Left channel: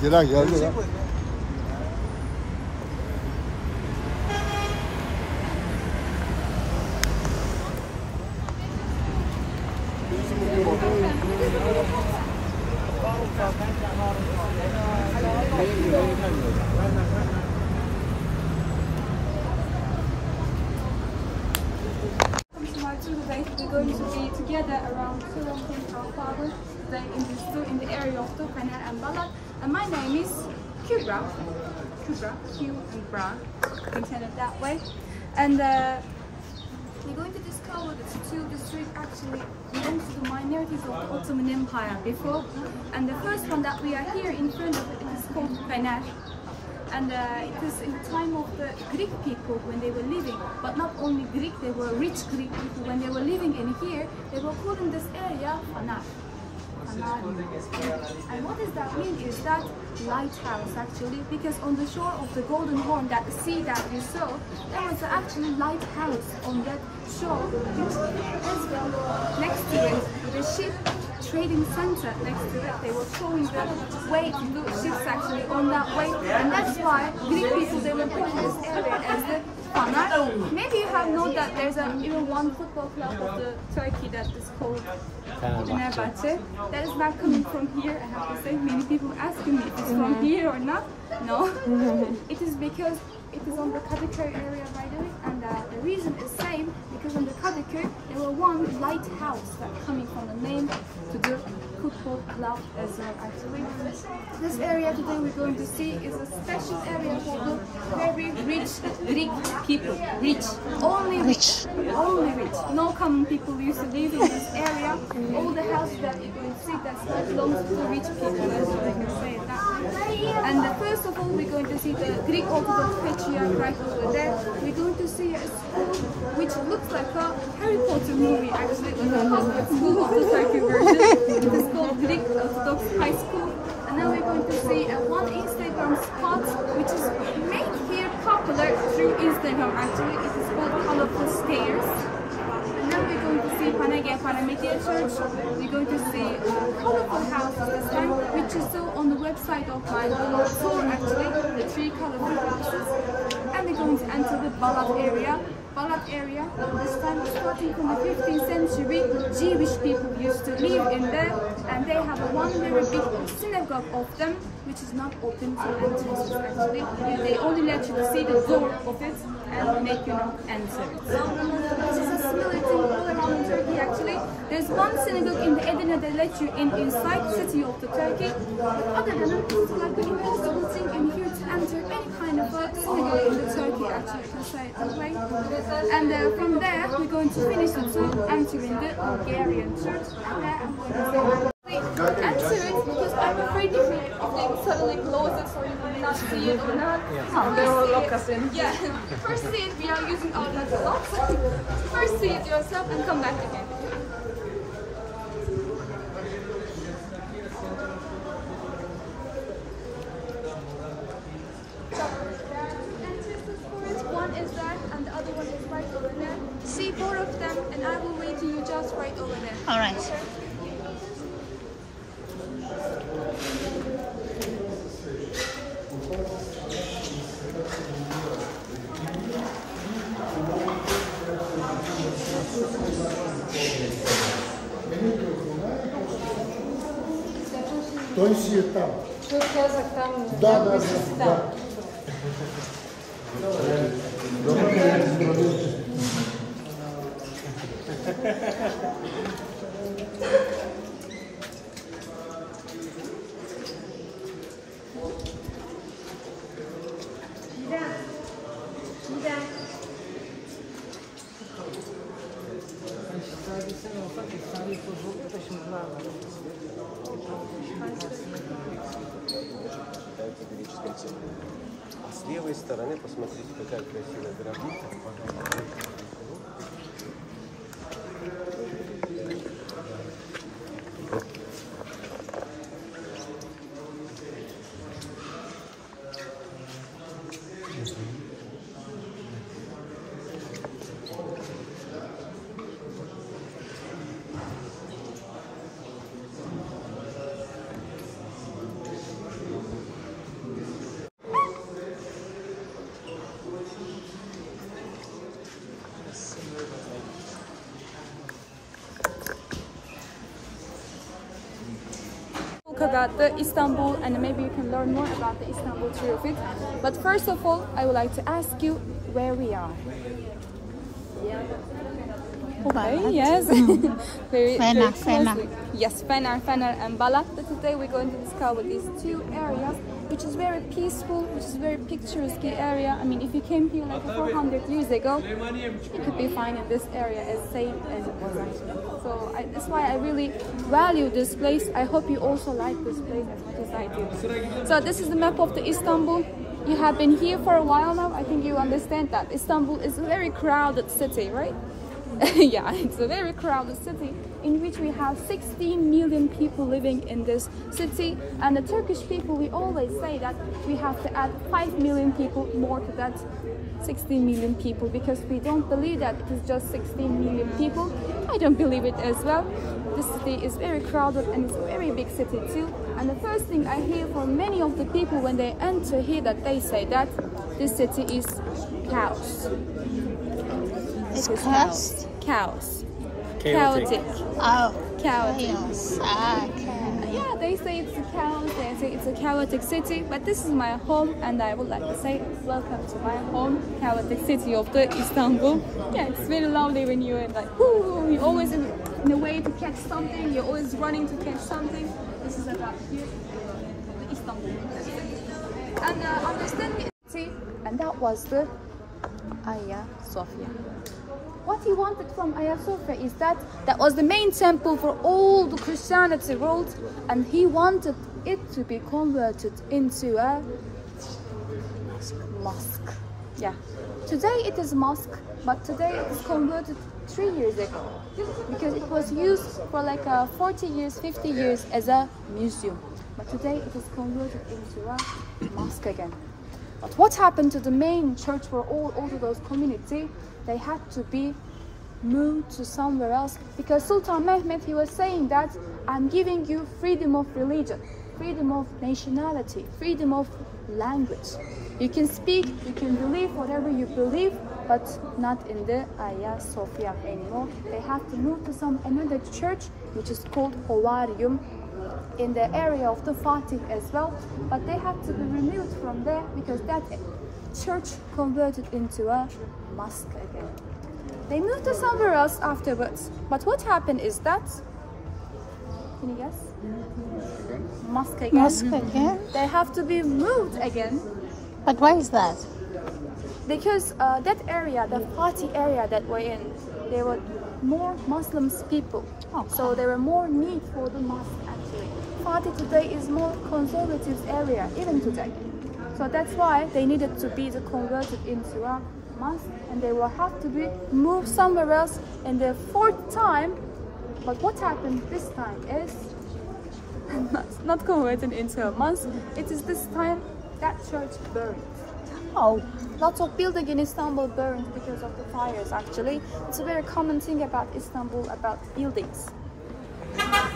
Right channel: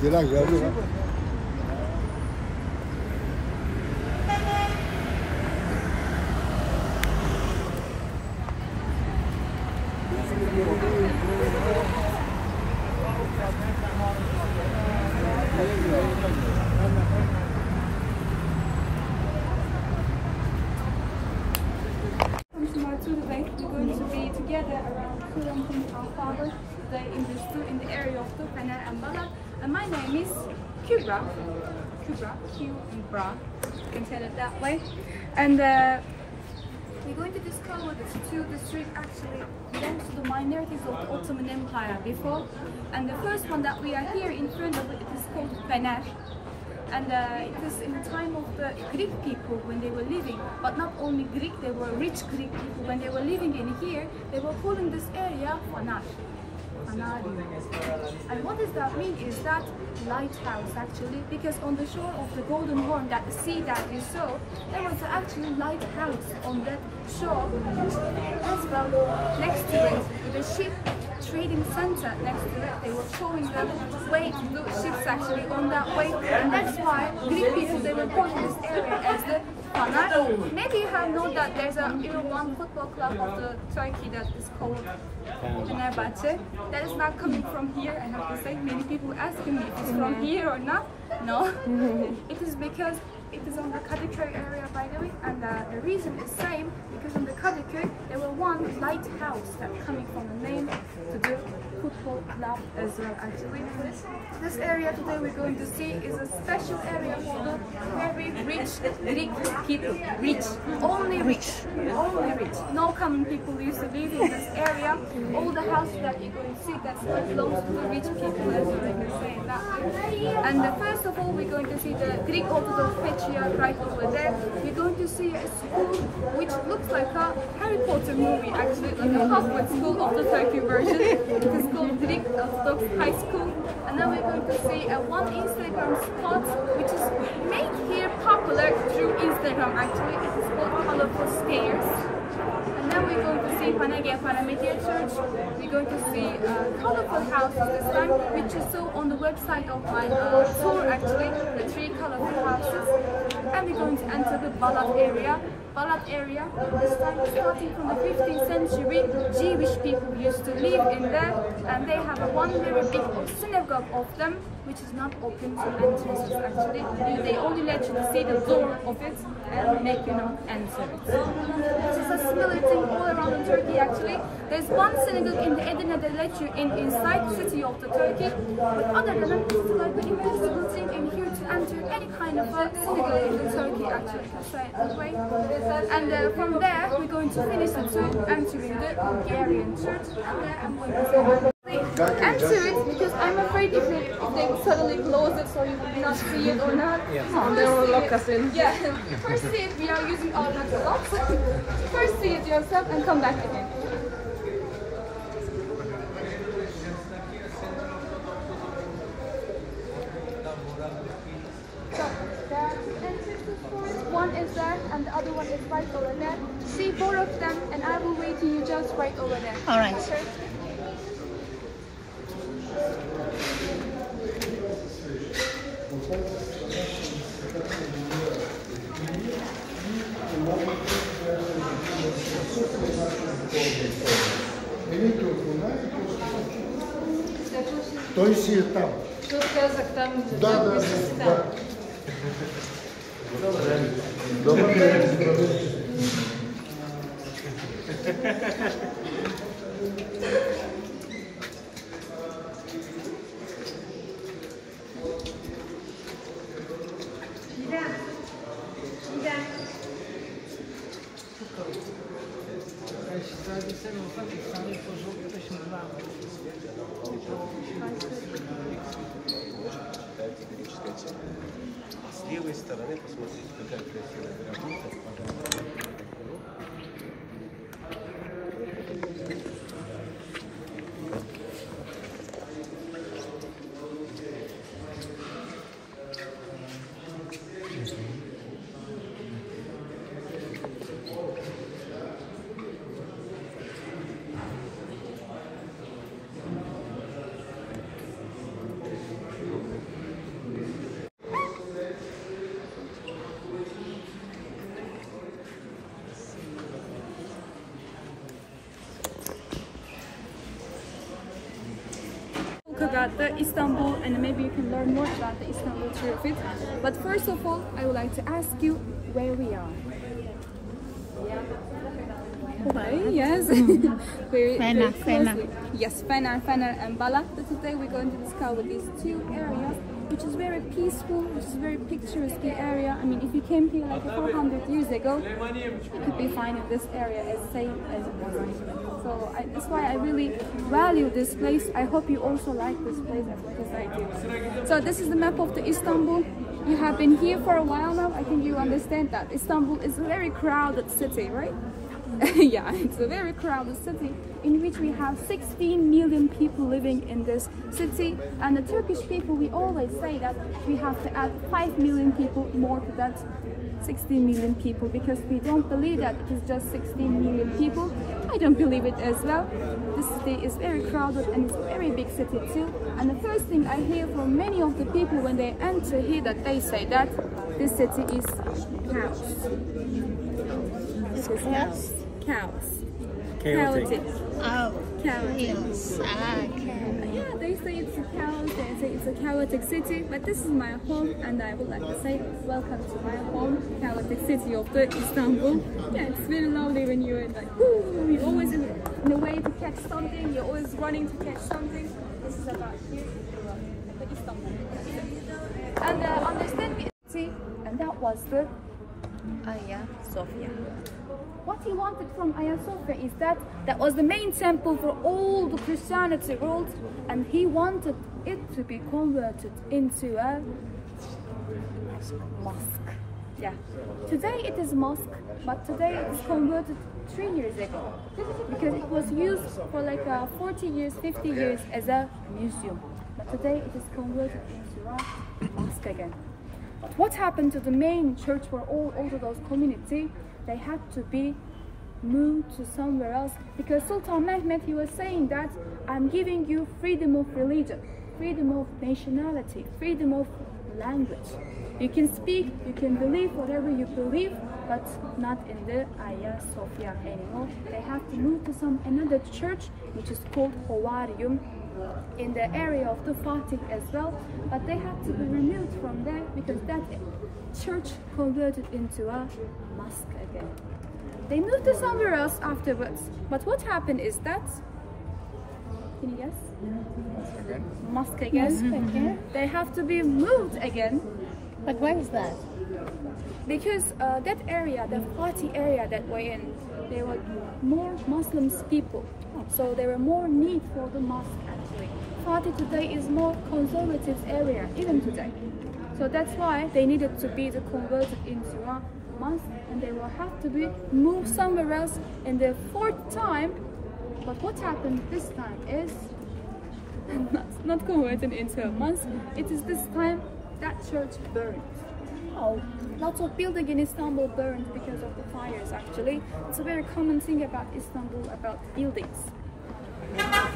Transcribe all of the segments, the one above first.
Celal geldi ya. Today we're going to be together around 2.5 hours today in the area of the Fener and Balat. And my name is Kübra, Q and Bra, you can tell it that way. And we're going to discover the street actually belongs to the minorities of the Ottoman Empire before. And the first one that we are here in front of it is called Fener. And it is in the time of the Greek people when they were living, but not only Greek, they were rich Greek people. When they were living in here, they were calling this area Fener. And what does that mean is that lighthouse actually, because on the shore of the Golden Horn, that sea that you saw, there was actually lighthouse on that shore, as well next to it, the ship trading center next to it. They were showing the way to do ships actually on that way, and that's why Greek people, they were calling this area as the Fener. Maybe you have known that there's even one football club of the Turkey that is called Fenerbahce. That is not coming from here, I have to say. Many people asking me if it's from here or not. No, it is because it is on the Kadıköy area, by the way, and the reason is same because on the Kadıköy there were one lighthouse that coming from the name to the football club as well actually. This area today we're going to see is a special area for the very rich Greek people. Rich, only rich, only rich. No common people used to live in this area. All the houses that you're going to see that belongs to the rich people, as well, I can say it that way. And first of all, we're going to see the Greek Orthodox Patriarch right over there. We're going to see a school which looks like a Harry Potter movie actually, like a Hogwarts school of the Turkey version. It is called Greek Orthodox High School. And now we're going to see one Instagram spot which is made here popular through Instagram actually. It is called Colorful Stairs. And now we're going to see Panagya Paramedia Church. We're going to see colorful houses this time, which is so on the website of my tour actually, the 3 colorful houses. And we're going to enter the Balat area. Balat area, this time starting from the 15th century, Jewish people used to live in there, and they have one very big synagogue of them, which is not open to entrances actually. They only let you to see the door of it and make you not enter it. This is a similar thing all around Turkey actually. There's one synagogue in the Edirne that let you in inside the city of the Turkey, but other than that, it's like the impossible thing in here to enter any kind of a synagogue in the Turkey actually, I can say it that way. And from there, we're going to finish the tour entering the Bulgarian church. And there I'm going to say enter it because I'm afraid if they suddenly close it so you cannot see it or not. They will lock us in. Yeah, first see it, we are using our metal locks. First see it yourself and come back again. One is there and the other one is right over there. See both of them and I will wait till you just right over there. All right. То есть там. Тут козак там. Да. С левой стороны посмотрите, какая красивая гробница. About the Istanbul, and maybe you can learn more about the Istanbul through it. But first of all, I would like to ask you where we are. Okay, yes. Fener. Yes, Fener and Balat. But today we're going to discover these two areas, which is very peaceful, which is very picturesque area. I mean, if you came here like 400 years ago, you could be finding this area as same as it was actually. So that's why I really value this place. I hope you also like this place as much as I do. So this is the map of the Istanbul. You have been here for a while now. I think you understand that Istanbul is a very crowded city, right? Yeah, it's a very crowded city in which we have 16 million people living in this city, and the Turkish people, we always say that we have to add 5 million people more to that 16 million people, because we don't believe that it is just 16 million people. I don't believe it as well. This city is very crowded and it's a very big city too, and the first thing I hear from many of the people when they enter here, that they say that this city is chaos. It's chaos. Chaos. Chaotic. Oh, Chaotic. chaos. Yeah, they say it's a chaos, they say it's a chaotic city, but this is my home, and I would like to say welcome to my home, chaotic city of the Istanbul. Yeah, it's very lovely when you're like, whoo, you're always in a way to catch something, you're always running to catch something. This is about the Istanbul. And that was the Hagia Sophia. What he wanted from Hagia Sophia is that was the main temple for all the Christianity world, and he wanted it to be converted into a mosque. Yeah, today it is mosque, but today it is converted 3 years ago, because it was used for like 40 years, 50 years as a museum, but today it is converted into a mosque again. But what happened to the main church for all Orthodox community? They had to be moved to somewhere else, because Sultan Mehmet, he was saying that I'm giving you freedom of religion, freedom of nationality, freedom of language. You can speak, you can believe whatever you believe, but not in the Hagia Sophia anymore. They have to move to another church, which is called Hovarium, in the area of the Fatih as well, but they have to be removed from there because that church converted into a mosque again. They moved to somewhere else afterwards, but what happened is that, can you guess? Mosque again. Mosque again? They have to be moved again. But why is that? Because that area, the Fatih area that we're in, there were more Muslims people, so there were more need for the mosque actually. Fatih today is more conservative area, even today. So that's why they needed to be converted into a mosque, and they will have to be moved somewhere else in the 4th time. But what happened this time is not converted into a mosque. It is this time that church burned. Oh, Lots of buildings in Istanbul burned because of the fires actually. It's a very common thing about Istanbul, about buildings. Yeah,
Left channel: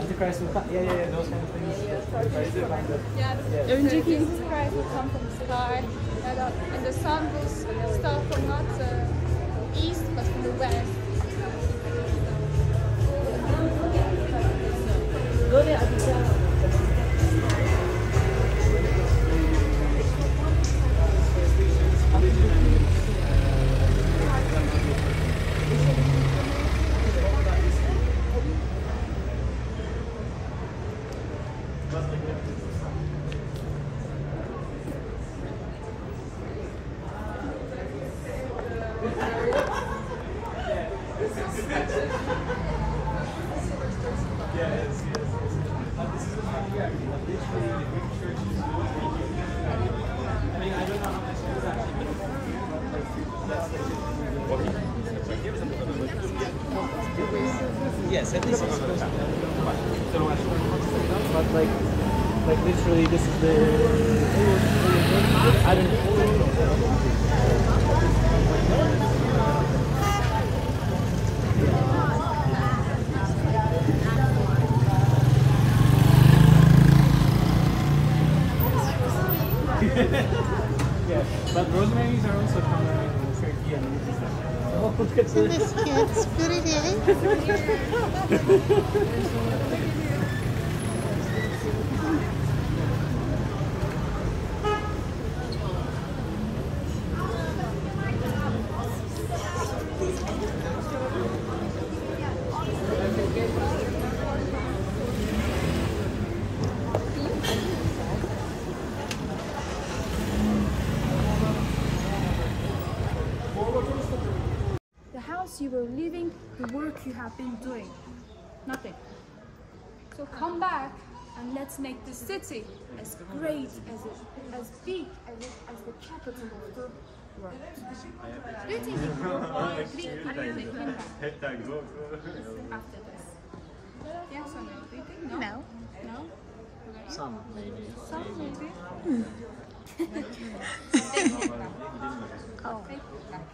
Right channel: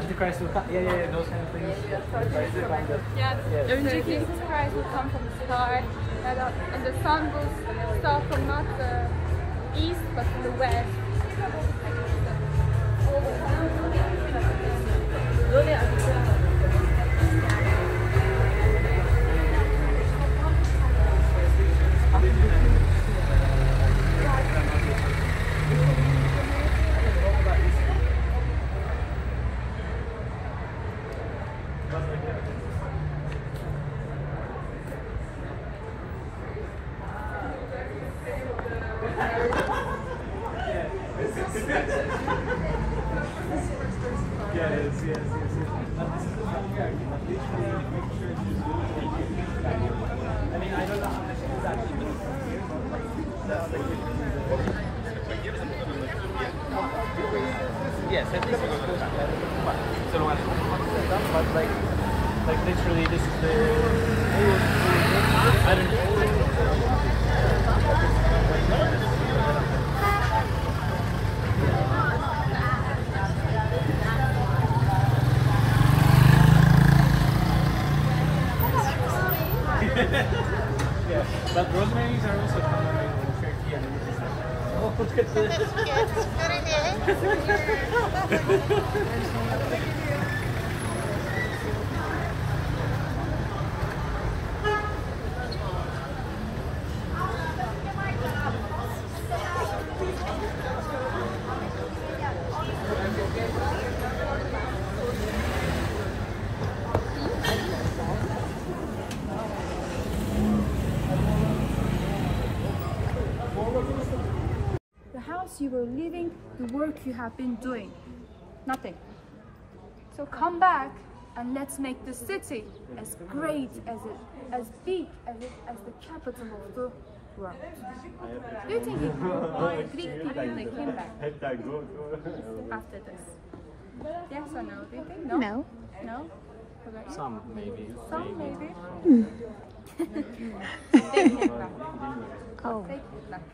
Antichrist will come. Yeah, those kind of things. Yeah, önceki Christ will come from the sky, and the sun will start from not the east but from the west. Yes, at least it's close. Like literally, this is the. I don't know. Yeah, but rosemaries are also common in Turkey and Oh, look at Isn't this. this cute? Pretty. The house you were living, the work you have been doing. Nothing. So come back and let's make the city as great as big as the capital of the world. Do you think Greek people they came back after this? Yes or no? Do you think? No? No. No? What about you? Some, maybe. Some maybe. They came back. Oh. They came back.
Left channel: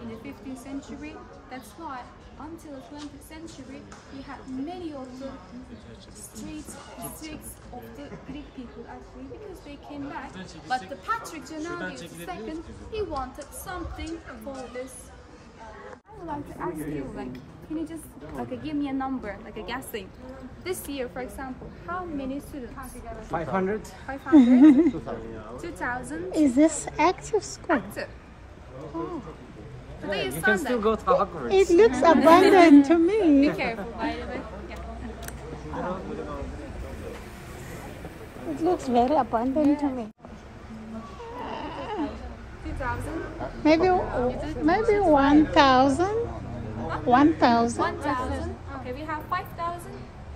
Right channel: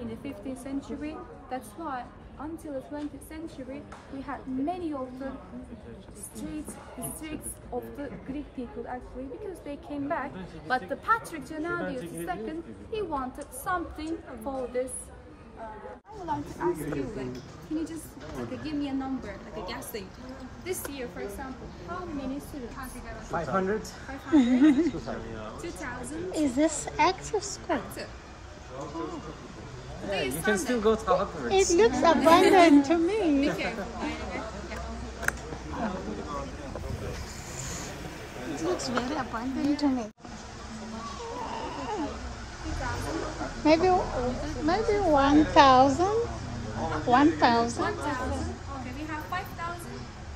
In the 15th century, that's why until the 20th century we had many of the districts of the Greek people actually because they came back. But the Patrick Gennadius II, he wanted something for this. I would like to ask you, like, can you just give me a number, like a guessing? This year, for example, how many students? 500? 500? 2000? Is this active school? Active. Today is You can still Sunday. go to Hogwarts. It looks abandoned to me. Be careful, by the way. It looks very abandoned to me. 2000. Maybe 1,000. 1,000. 1000. Okay, we have 5000.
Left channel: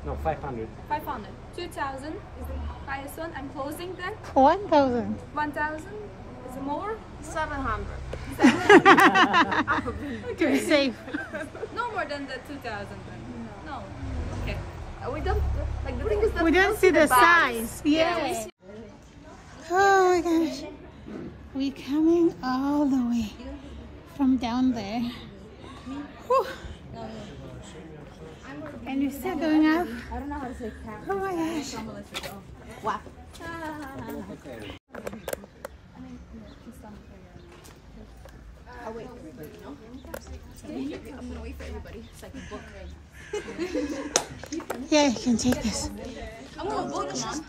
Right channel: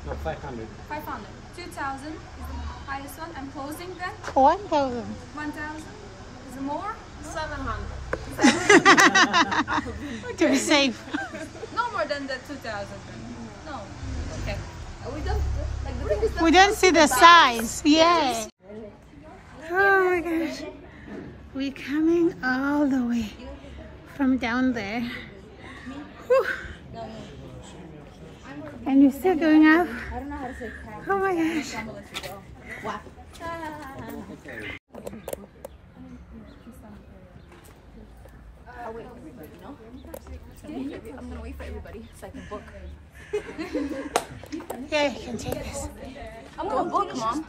No, 500. 500. 2000 is the highest one. I'm closing then. 1,000. 1000 is more. 700. To be safe. No more than the 2000 then. No. Okay. We don't like the thing is We don't see the size. Yeah. Oh my gosh. We're coming all the way from down there. Whew. And you're still going up. I don't know how to say cat. Oh my gosh. Wow. Oh wait, no? I'm gonna wait for everybody. It's like a book. Yeah, you can take this. I'm going book, Mom.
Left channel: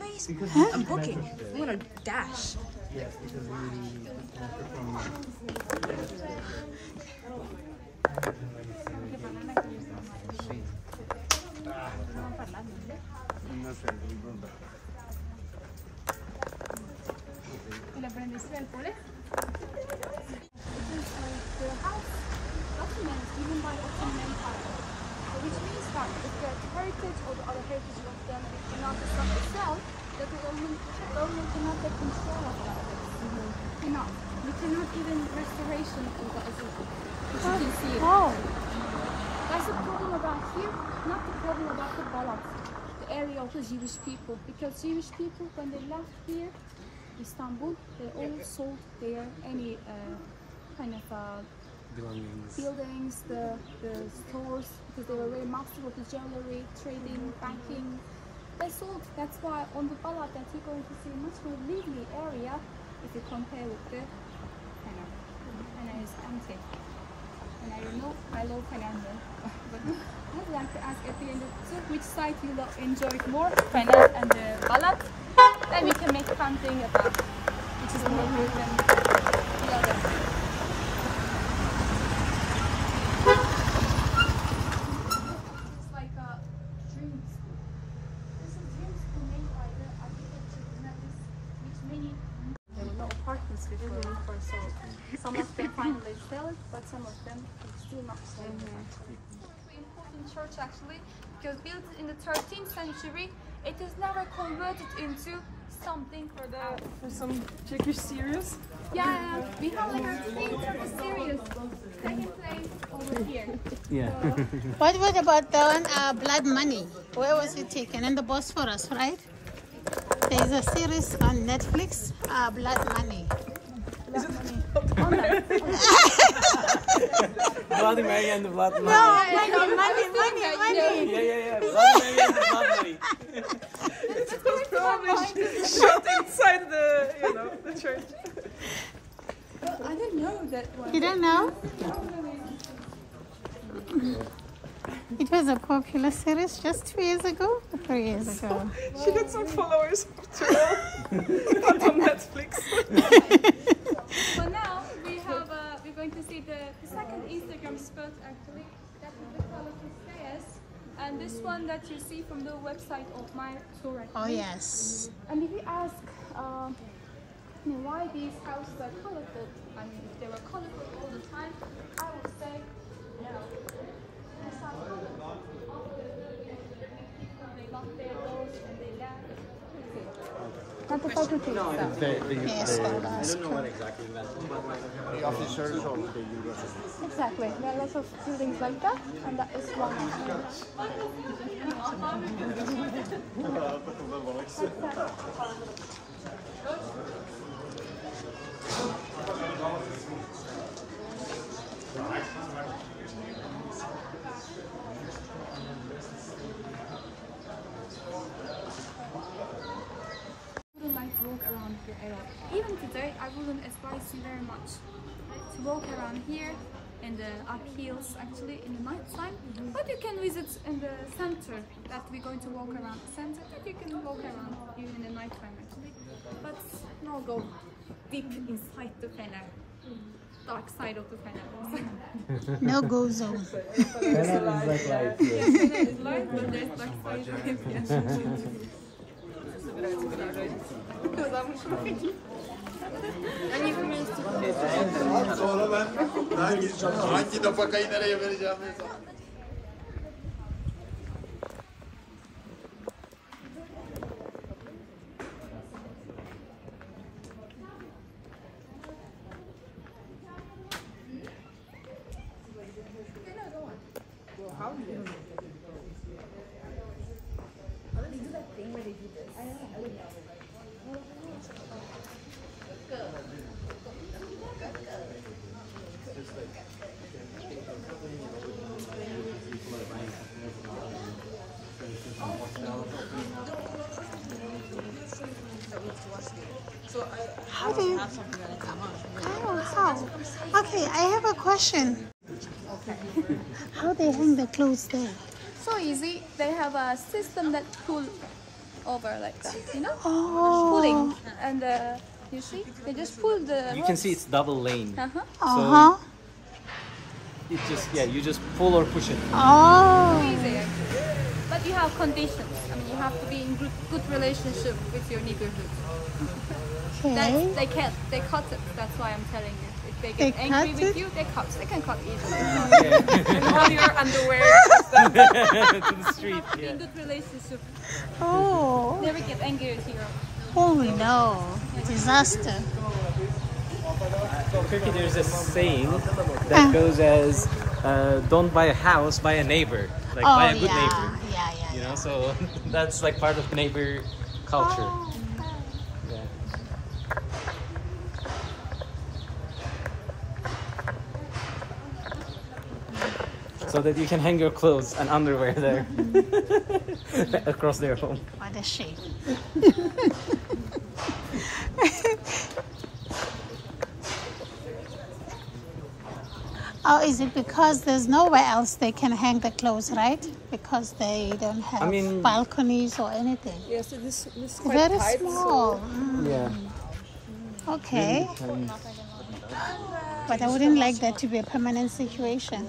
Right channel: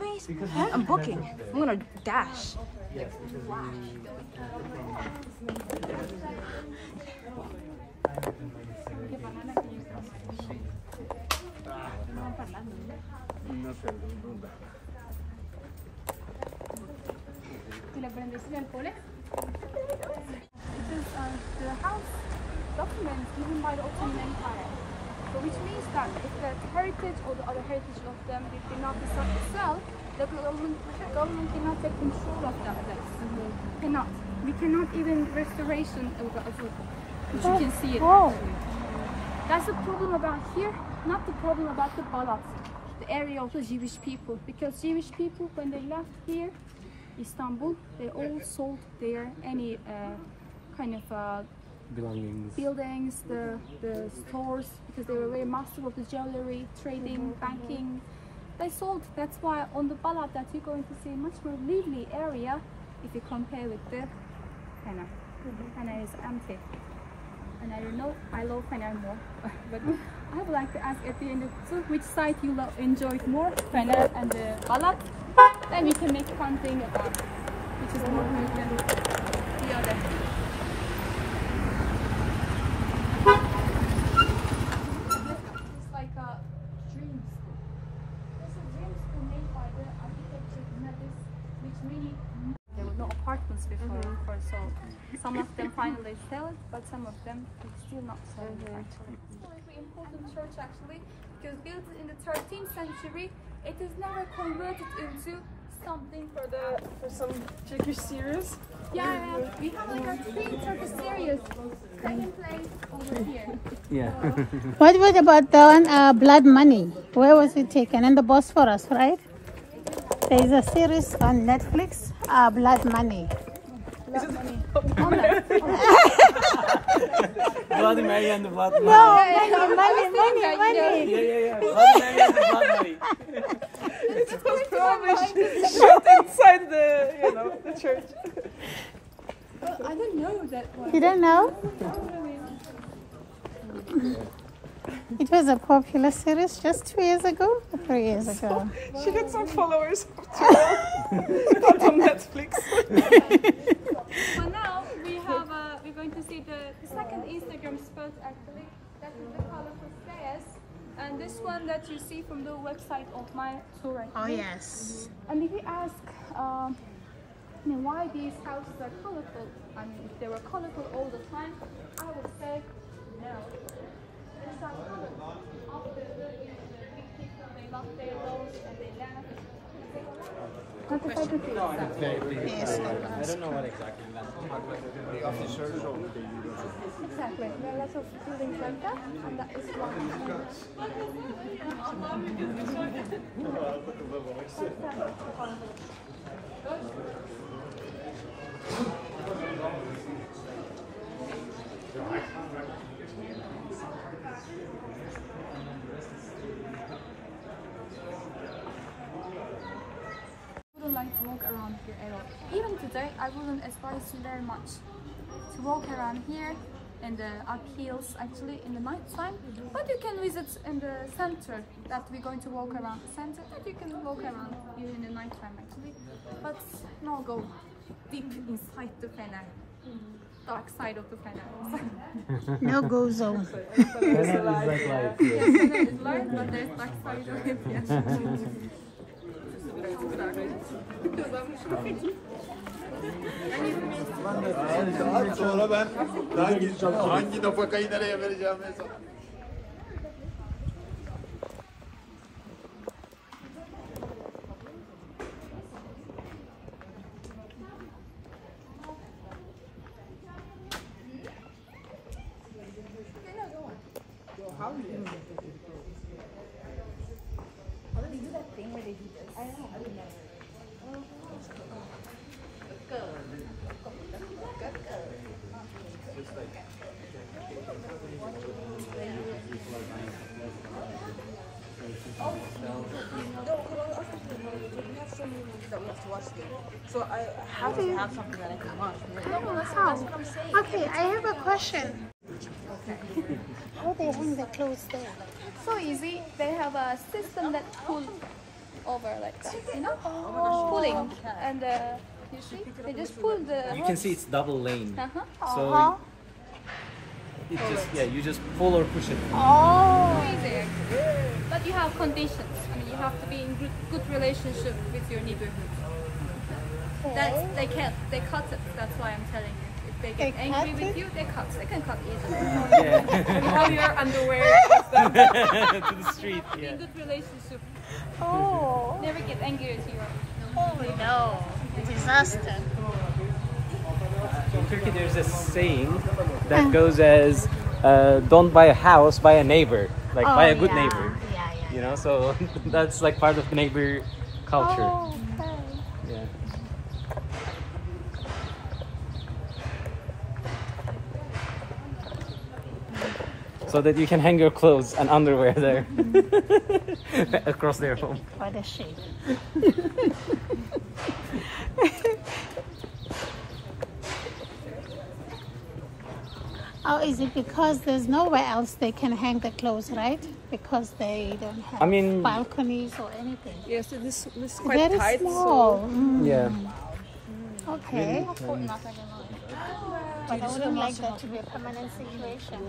I'm booking. I'm gonna dash. Yes, because we... It is the house documents given by the Ottoman Empire, which means that the heritage or the heritage of them they cannot sell, that the government cannot take control of that place. Cannot. We cannot even restoration of the Azov, which you can see it. Oh. That's the problem about here, not the problem about the Balat, the area of the Jewish people. Because Jewish people, when they left here, Istanbul, they all sold their any kind of belongings. buildings, the stores, because they were very master of the jewelry, trading, banking. They sold. That's why on the Balat that you're going to see a much more lively area if you compare with the Fener. Fener is empty. And I don't know, I love Fener more. But I would like to ask at the end of so which side you enjoyed more, Fener and the Balat. Then we can make something about which is more good than the other. It's like a dream school. This is a dream school made by the architecture journalists, which many apartments before were sold. Some of them finally sell it, but some of them still not sold. It's a very important church actually, because built in the 13th century, it is never converted into something For some Turkish series. Yeah, we have like our 3 Turkish series taking place over here. Yeah. What about the one, Blood Money? Where was it taken? In the Bosphorus, right? There is a series on Netflix, Blood Money. Bloody Mary and the Blood No, Money. money. Yeah. Bloody Mary and the Blood Money. Inside the church. I didn't know that one. You don't know? It was a popular series just 2 years ago or 3 years ago. She got some followers not on Netflix. So now we have we're going to see the second Instagram spot and and this one that you see from the website of my tour. Oh yes. And if you ask why these houses are colorful, I mean if they were colorful all the time, I would say these are colorful after the people they got their doors and they left. Not the photography. No, I don't Yes, I don't know what exactly that's but like the officers or the Exactly. There are lots of buildings like that, and that is one. I wouldn't like to walk around here at all. Even today, I wouldn't advise you very much to walk around here in the uphills actually in the night time, but you can visit in the center that we're going to walk around the center, that you can walk around here in the night time actually, but no go deep inside the Fener, dark side of the Fener. No go zone. Yeah, Fener is light, but there's dark side of it. Sonra ben hangi nafakayı nereye vereceğim mesela? How do you? How? Okay, I have a question. How they hang the clothes there? So easy, they have a system that pull over like that, you know? Oh. Pulling, and you see, they just pull the You can see it's double lane. So Uh-huh. it just you just pull or push it. Oh. easier. But you have conditions. I mean, you have to be in good relationship with your neighborhood. That Okay. they can't. They cut it. That's why I'm telling you. If they get They angry cut with it? you, they cut. They can cut easily. Yeah. All your underwear goes down. To the street. Be in Yeah. good relationship. Oh. Never get angry with you. Oh no. Disaster. In Turkey, there's a saying that goes as, "Don't buy a house, buy a neighbor." Like buy Oh a good yeah. neighbor. Yeah, yeah, You yeah. know, so that's like part of neighbor culture. Oh, okay. Yeah. So that you can hang your clothes and underwear there across their home. What a shame. Oh, is it because there's nowhere else they can hang the clothes, right? Because they don't have mean- balconies or anything. Yeah, so this is quite Very tight, small. so Yeah. Okay. But I wouldn't like that to be a permanent situation.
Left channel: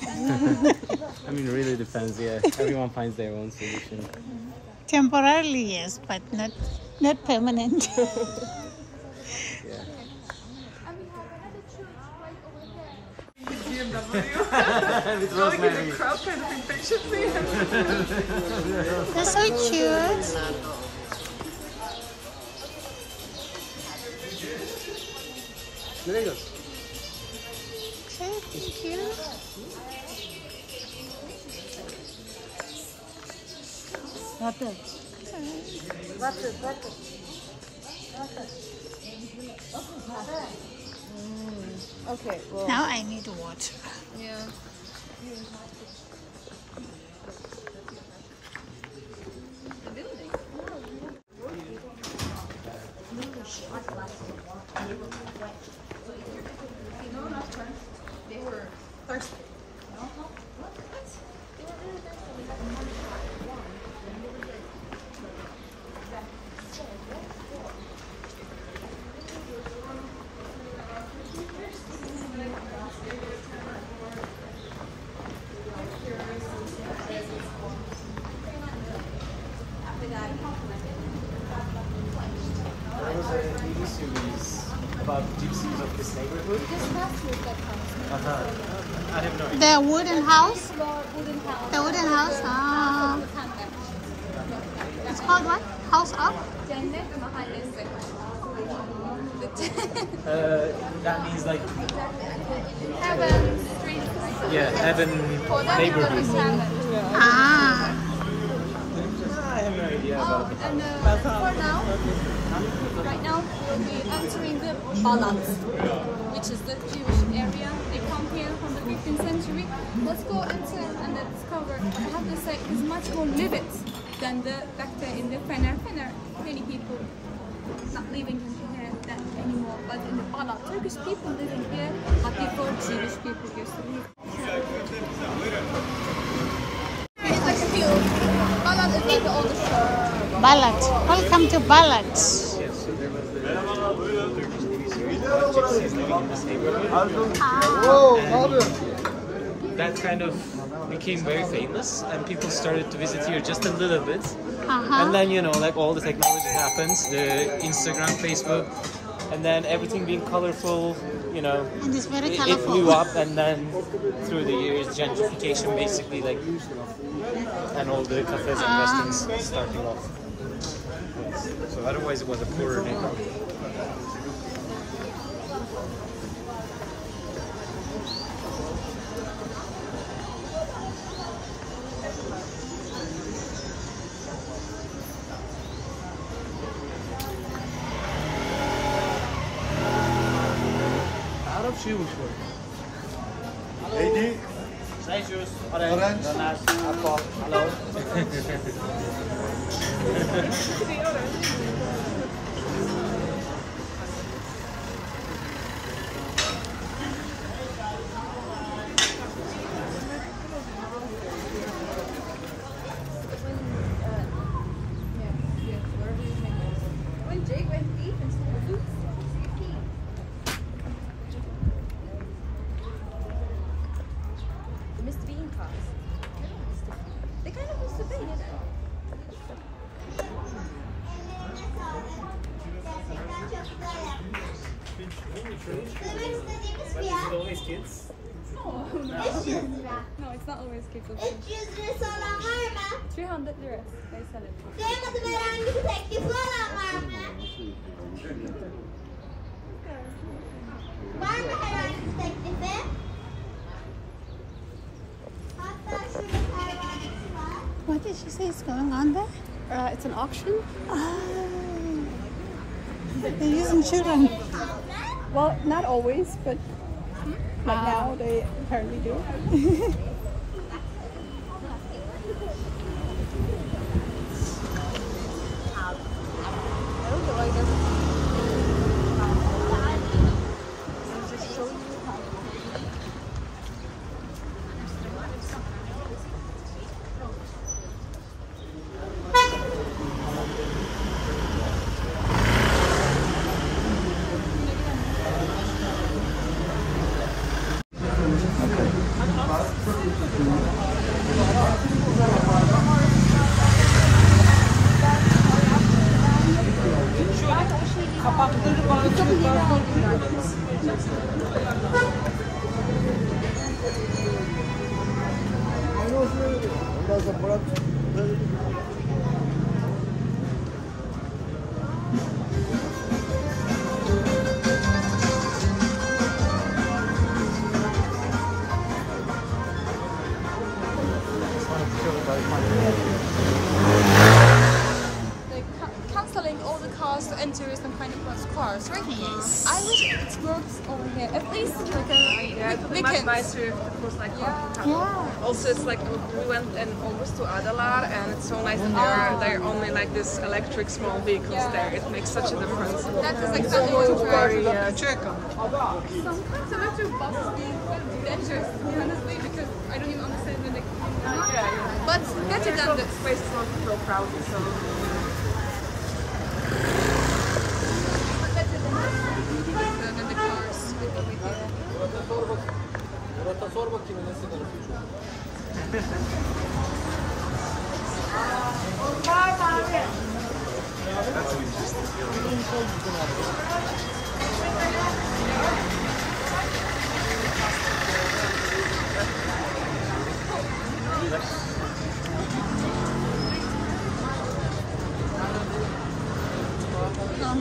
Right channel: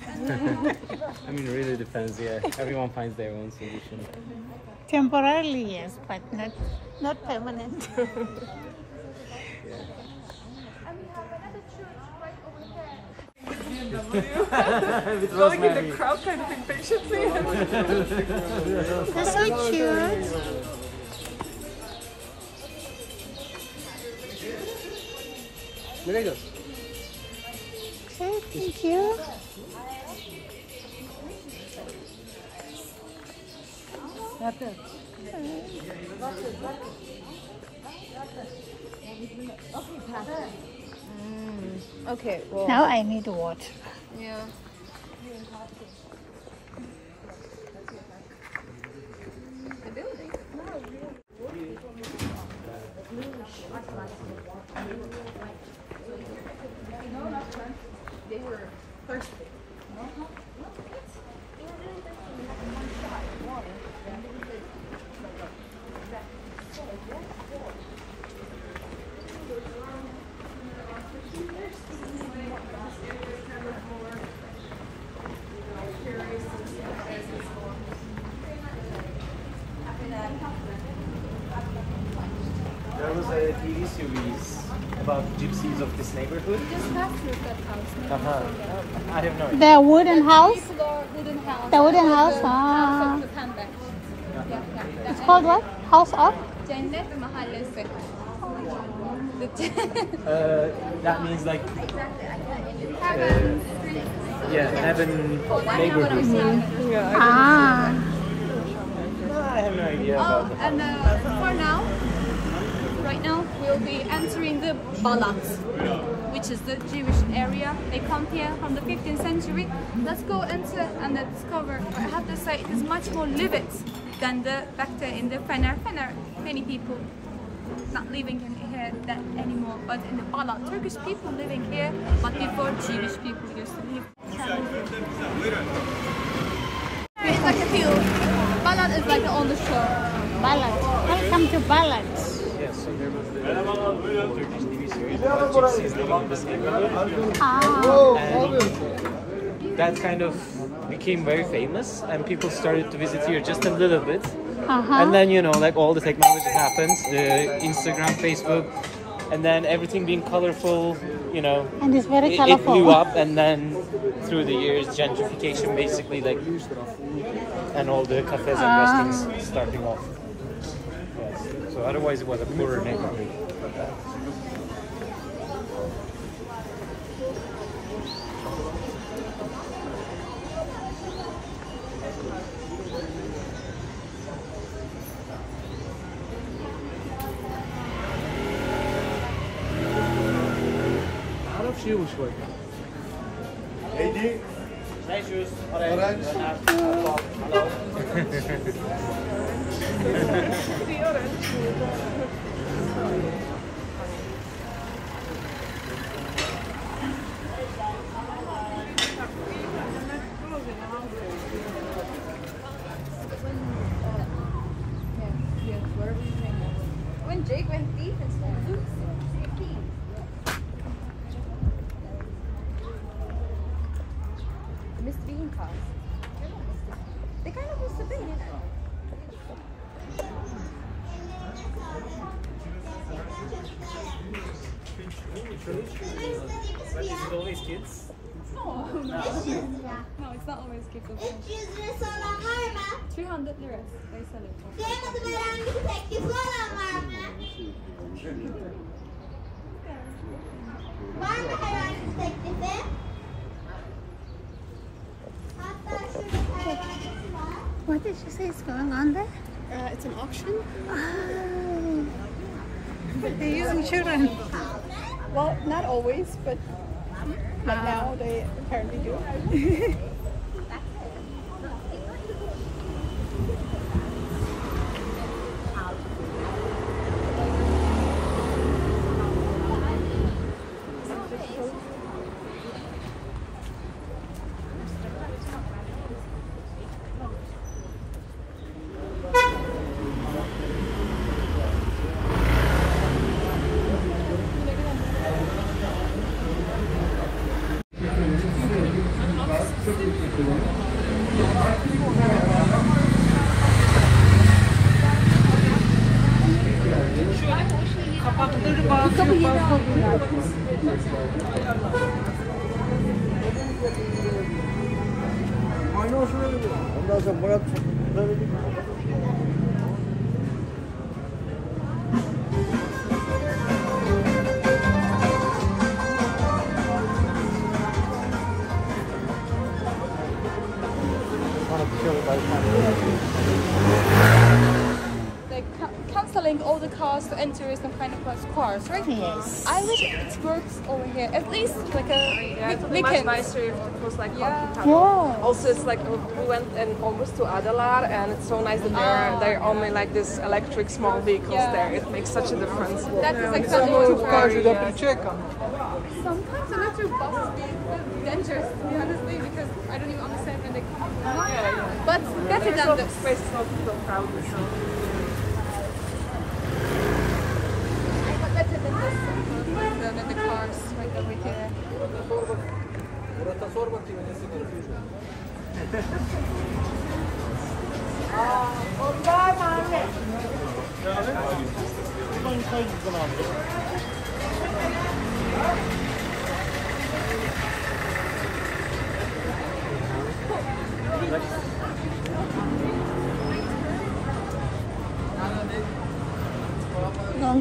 I mean, it really depends. Yeah, everyone finds their own solution. Temporarily, yes, but not permanent. With Rosemary. They're so cute. Okay, thank you. okay. Well, Now I need water. they were thirsty. about gypsies of this neighborhood? I have no idea. The wooden house? Wooden house. The wooden house? Ah. It's called what? House of? That means like Heaven Street. yeah, Heaven neighborhood. Ah. I have no idea about it. And for now, right now, we'll be entering the BALAT, which is the Jewish area. They come here from the 15th century. Let's go enter and discover. I have to say, it's much more livid than the back there in the Fener. Fener, many people not living in here that anymore. But in the BALAT, Turkish people living here, but before Jewish people used to live. BALAT is like the oldest shore. Balat. Welcome to Balat. That kind of became very famous, and people started to visit here just a little bit. And then, you know, like all the technology happens, the Instagram, Facebook, and then everything being colorful, you know, And it's very it colorful. blew up, and then through the years, gentrification basically, like, and all the cafes and restaurants starting off. Yes. So otherwise it was a poorer neighborhood. Jewish way. Neydi? Öğrenci. But is it always kids? No, it's not always kids. 300 lirası olan var mı? 300 lira. They sell it. Kıyamadım herhangi bir teklifi olan var mı? Var mı herhangi bir teklifi? Hatta şurada herhangi var. What did she say is going on there? It's an auction. They're using children. Well, not always, but now they apparently do. Canceling all the cars to enter some kind of cars, right? Yes. I wish it works over here. At least like a weekend. was like Wow. Also, it's like we went in almost to Adalar, and it's so nice that there are only like this electric small vehicles there. It makes such a difference. That is exactly what it was. But better than this. Place is not so crowded, so.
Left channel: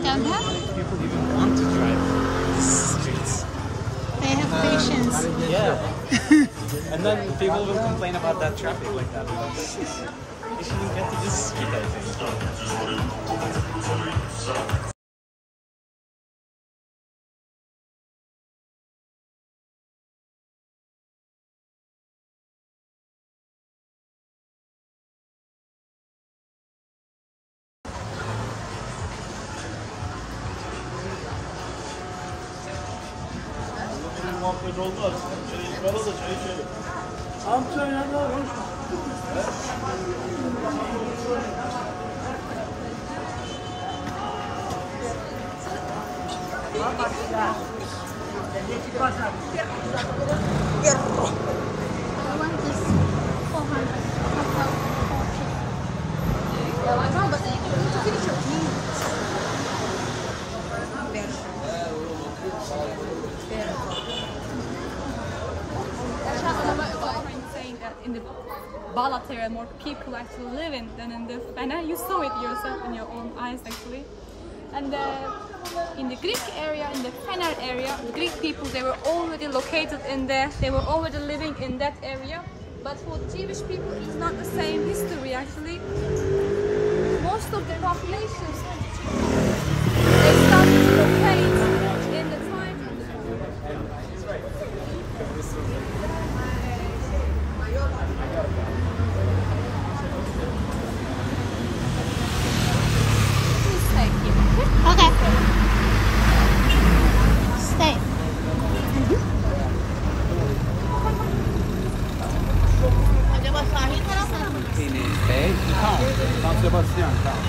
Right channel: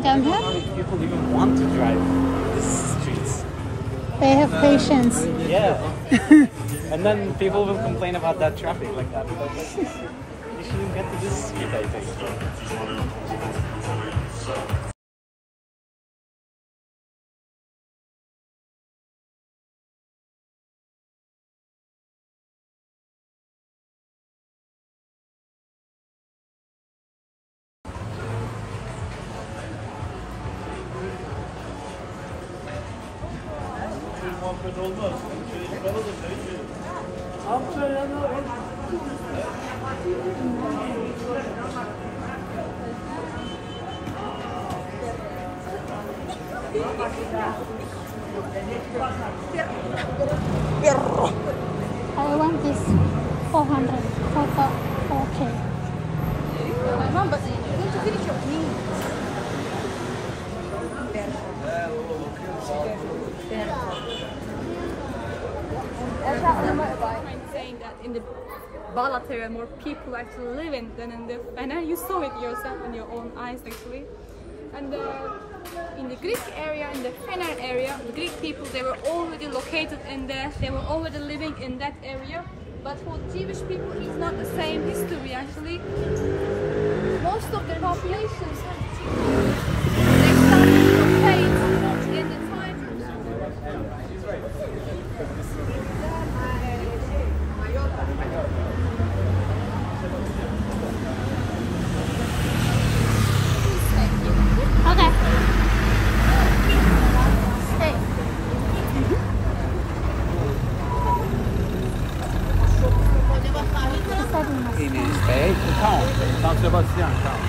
Down here? People don't want to drive the streets. They have patience. Yeah. And then people will complain about that traffic like that. But you shouldn't get to this street, I think. I want this 400. 4K. Saying that in the BALAT area more people actually live in than in the Fener. You saw it yourself in your own eyes actually. And in the Greek area, in the Fener area, the Greek people, they were already located in there. They were already living in that area. But for Jewish people, it's not the same history actually. Most of their populations they started to locate in the time. Okay. Stay. San Sebastian town.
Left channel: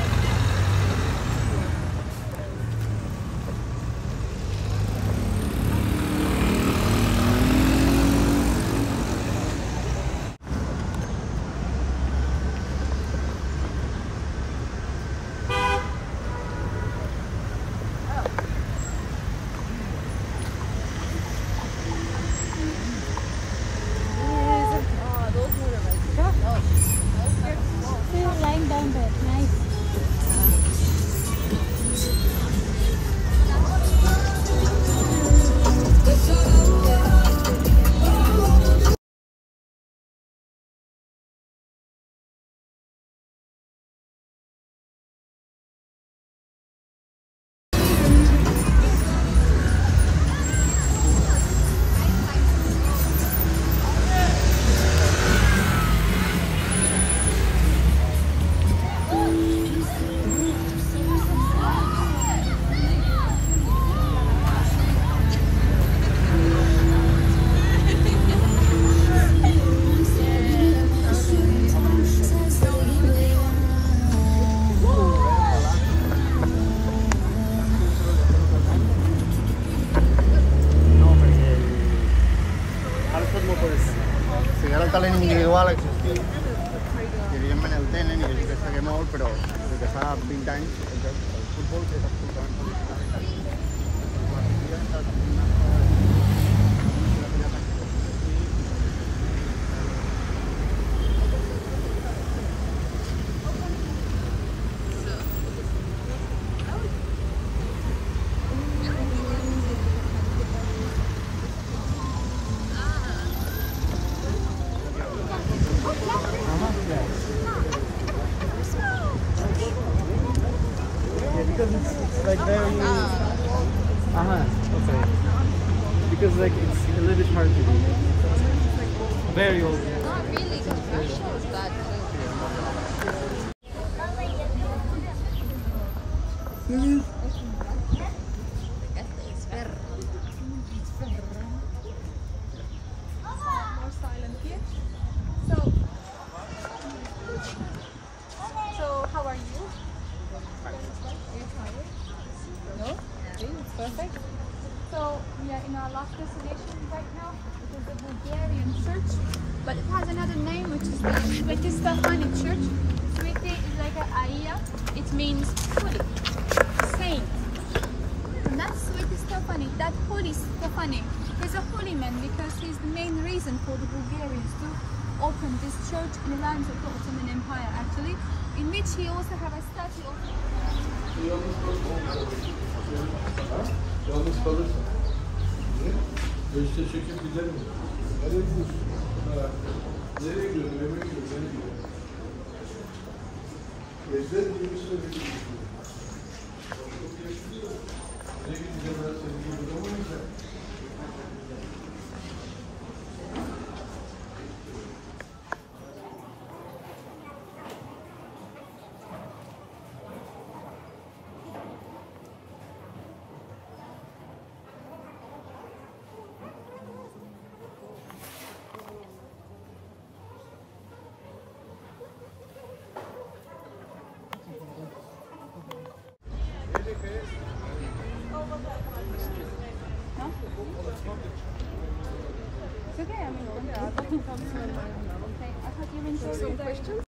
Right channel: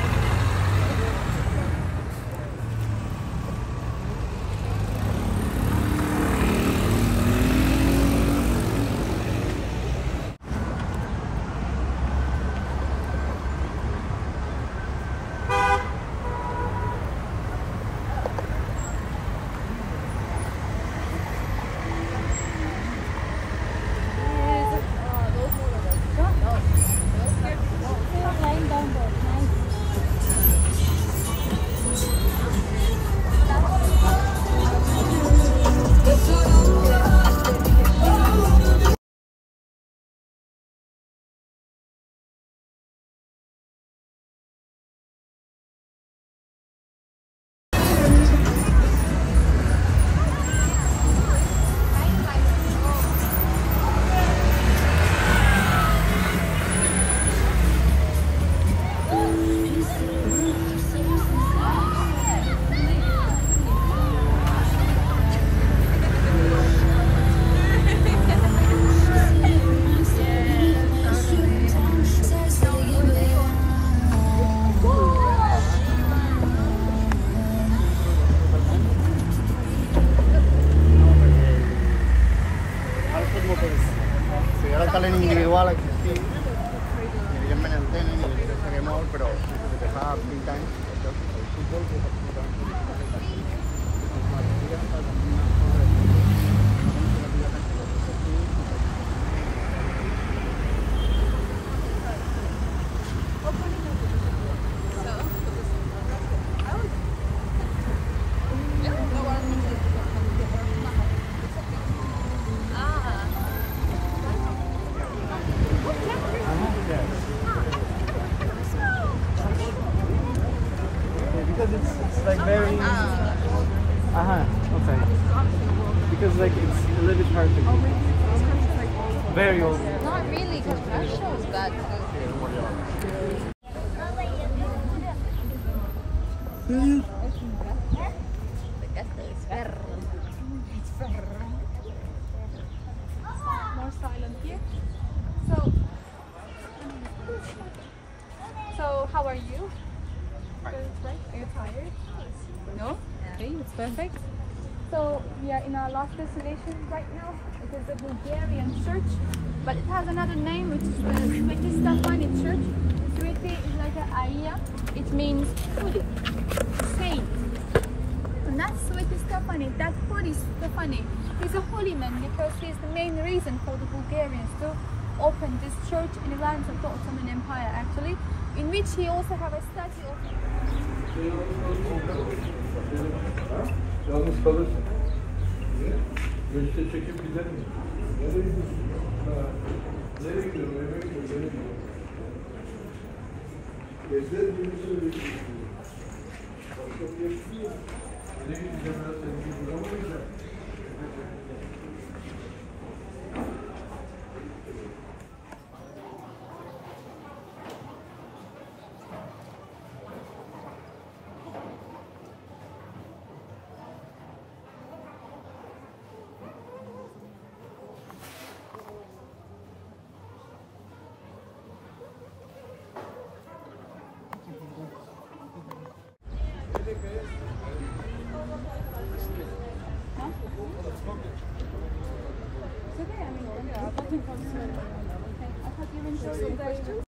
Because like it's a little bit hard to read. Very old. More silent here. So how are you? Are you tired? No? Okay, it's perfect. So we are in our last destination right now. It is a Bulgarian church, but it has another name, which is the Richest church. Sweti is like an Aya. It means holy, saint. And that's Sweti Stephanie. That holy Stephanie. He's a holy man because he's the main reason for the Bulgarians to open this church in around the Ottoman Empire, actually, in which he also have a statue of him. Yalnız kalırsın. Göğüste çekip giderim. Nereye gidiyorum? Yemek yiyorum. Gezler gibi söyleyeyim. Çok yaşlı. Nereye gidiyorum? Sevgi bulamayız ya. It's okay, I mean, I thought you enjoyed it.